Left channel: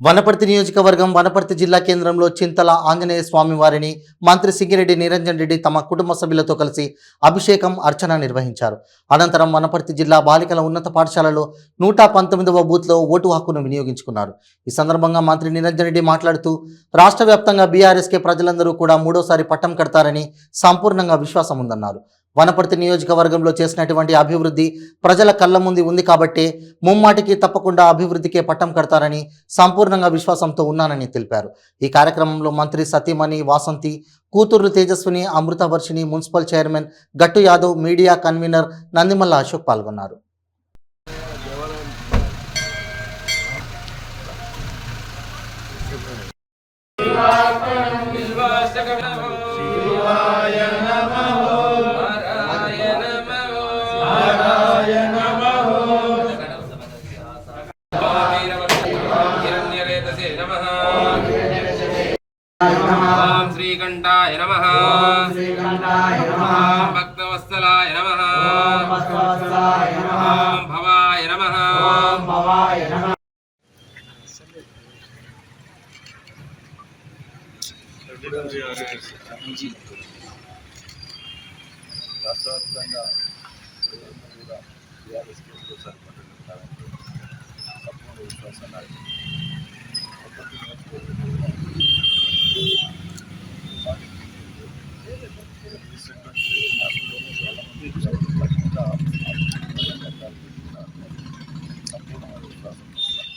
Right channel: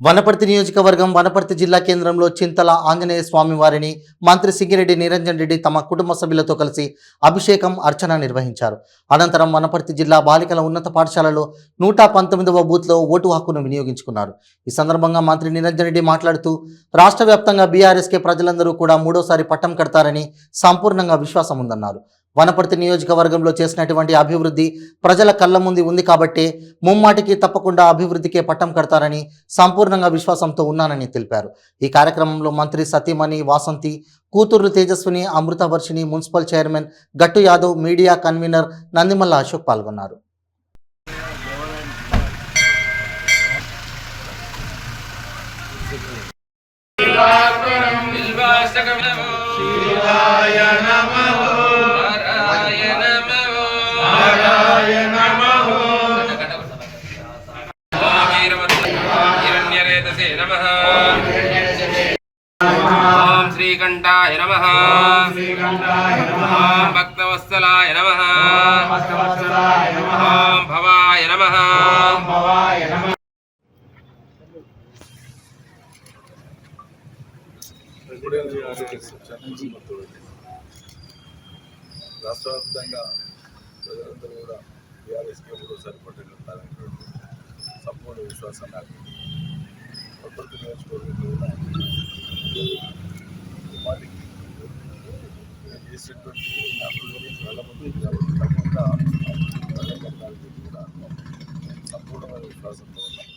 వనపర్తి నియోజకవర్గం వనపర్తి జిల్లా కేంద్రంలో చింతల ఆంజనేయ స్వామి వారిని మంత్రి సింగిరెడ్డి నిరంజన్ రెడ్డి తమ కుటుంబ సభ్యులతో కలిసి అభిషేకం అర్చన నిర్వహించారు. అనంతరం వనపర్తి జిల్లా బాలికల ఉన్నత పాఠశాలలో 119వ బూత్లో ఓటు హక్కును వినియోగించుకున్నారు. ఈ సందర్భంగా మంత్రి నిరంజన్ రెడ్డి మాట్లాడుతూ రాష్ట్ర వ్యాప్తంగా బీఆర్ఎస్కే ప్రజలందరూ కూడా మూడోసారి పట్టం కడతారని సంపూర్ణంగా విశ్వాసం ఉందన్నారు. వనపర్తి నియోజకవర్గంలో చేసినటువంటి అభివృద్ధి ప్రజల కళ్ళ ముందు ఉంది కాబట్టి ముమ్మాటికి తప్పకుండా అభివృద్ధికే పట్టం కడతారని సంపూర్ణంగా విశ్వాసంతో ఉన్నానని తెలిపారు. ఈ కార్యక్రమంలో మంత్రి సతీమణి వాసంతి, కూతుర్లు తేజస్విని, అమృతవర్షిణి, మున్సిపల్ చైర్మన్ గట్టు యాదవ్, మీడియా కన్వీనర్ నందిమల్ల అశోక్ పాల్గొన్నారు. श्रीकंठाय नमः भक्तवत्सलाय नमः भवाय नमः రాష్ట్రవ్యాప్తంగా ప్రజలందరూ కూడా టీఆర్ఎస్కే మూడోసారి పట్టుకుంటారని సంపూర్ణ విశ్వాసాన్ని వనపర్తి నియోజకవర్గంలో సంపూర్ణమైన విశ్వాసంతో ఉన్నారు.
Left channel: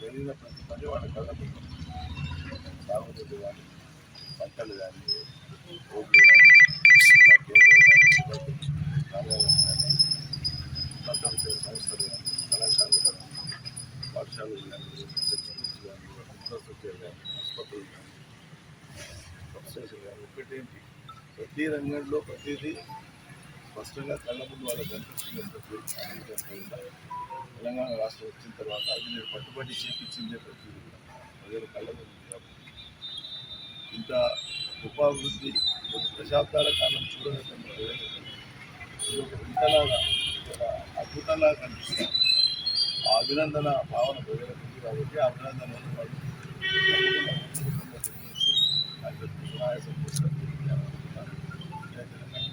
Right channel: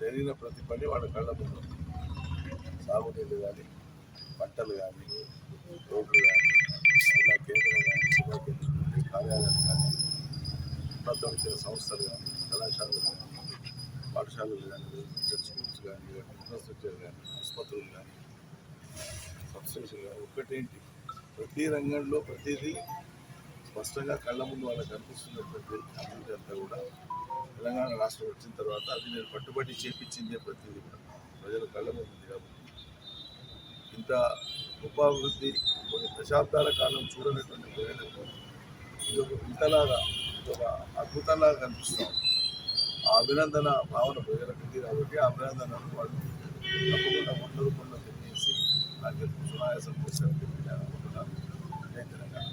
జరిగిన ప్రతి పని వాళ్ళ కళ్ళ ముందు, సాగునీళ్ళు కానీ, పంటలు కానీ, రోడ్లు కానీ, జిల్లా కేంద్రం కానీ, జిల్లా కార్యాలయాలు కానీ, ఉన్నత విద్యా సంస్థలు కానీ, కళాశాలలు కానీ, పాఠశాలలు కానీ, స్కూల్స్ కానీ, ఇన్ఫ్రాస్ట్రక్చర్ కానీ, ఆసుపత్రులు కానీ, సబ్స్టేషన్ కానీ, ఒకటేంటి ప్రతి రంగంలో ప్రతిదీ స్పష్టంగా కళ్ళ ముందు వాళ్ళకి కనిపిస్తున్నటువంటి అభివృద్ధి అంతా కూడా తెలంగాణ రాష్ట్రం వచ్చిన తర్వాత అది నేను పట్టుబడి చేపించిందే ప్రతిదీ కూడా ప్రజల కళ్ళ ముందు కాబట్టి ఇంత గొప్ప అభివృద్ధి కొన్ని దశాబ్దాల కాలం చూడనటువంటి ప్రజలకు ఇది ఒక ఇంతలాగా ఒక అద్భుతంలాగా కనిపిస్తాం. ఆ అభినందన భావన ప్రజలకు ఉంది కాబట్టి ఆ అభినందనను వాళ్ళు తప్పకుండా వందరూపంలో తెలియజేసి నాకు సునాయాసం చేశారు అనుకుంటున్నాను. జై తెలంగాణ.